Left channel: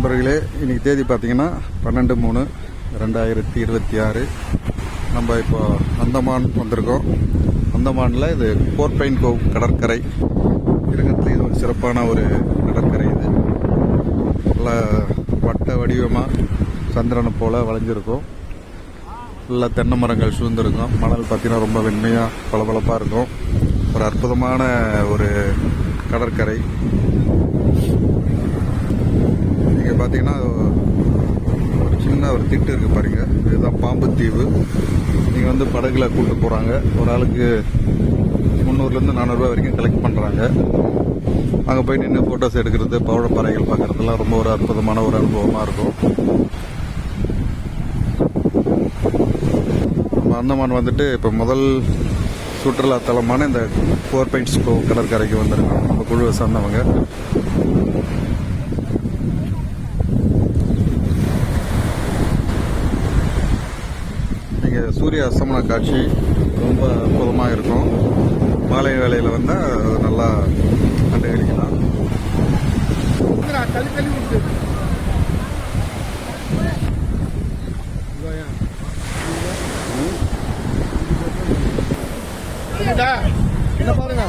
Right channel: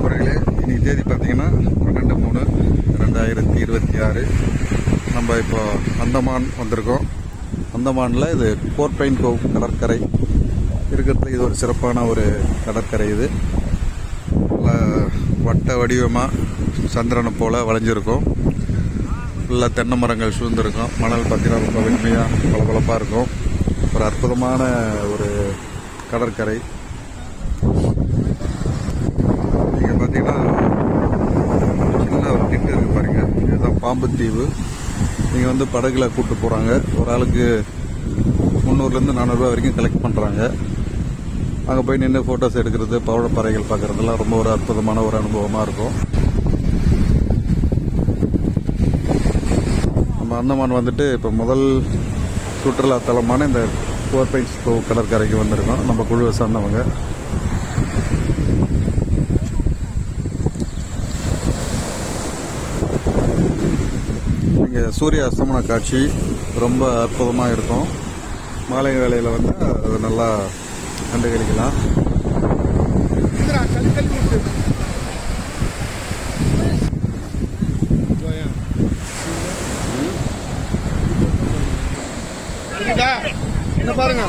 நண்பர்களே, இன்றைக்கி தேதி பார்த்திங்கன்னா 12/3/2026. நம்ம இப்போ அந்தமான் வந்திருக்கோம். அந்தமானில் இது போர்ட் பைன் கோவ் கடற்கரை இருக்கிறதுல இது ஒரு சிறப்பான ஒரு கடற்கரை. இது நல்லா வட்ட வடிவமாக சந்திரனை போல் வளைஞ்சிருக்கும். ஃபுல்லாக தென்னை மரங்கள் சூழ்ந்திருக்கும். மணல் பார்த்திங்கன்னா ரொம்ப வெண்மையாக பளபளப்பாக இருக்கும். ஒரு அற்புதமான ஒரு கடற்கரை. நீங்கள் பார்த்தீங்கன்னா சின்ன ஒரு திட்டு இருக்குது பாருங்கள். இதுதான் பாம்பு தீவு. நீங்கள் வந்து படகுல கூப்பிட்டு போகிறாங்க. ஒரு ஆளுக்கு 300 400 ரூபா வரைக்கும் கலெக்ட் பண்ணுறாங்க. அங்கே போய் நின்று ஃபோட்டோஸ் எடுக்கிறது, பவழப்பறைகள் பார்க்குறதுலாம் ரொம்ப ஒரு அற்புதமான ஒரு அனுபவமாக இருக்கும். நம்ம அந்தமான் வந்துட்டு இப்போ முதல் சுற்றுலாத்தலமான இந்த போர்ட் பைன் கோவ் கடற்கரைக்கு வந்திருக்கோம். நம்ம குழுவை சார்ந்தவங்க. இங்கே சூரிய அஸ்தமன காட்சி ரொம்ப அற்புதமாக இருக்கும். மாலை வேளையில் வந்தால் அது நல்லா கண்டுகளிக்கலாம். பாருங்க.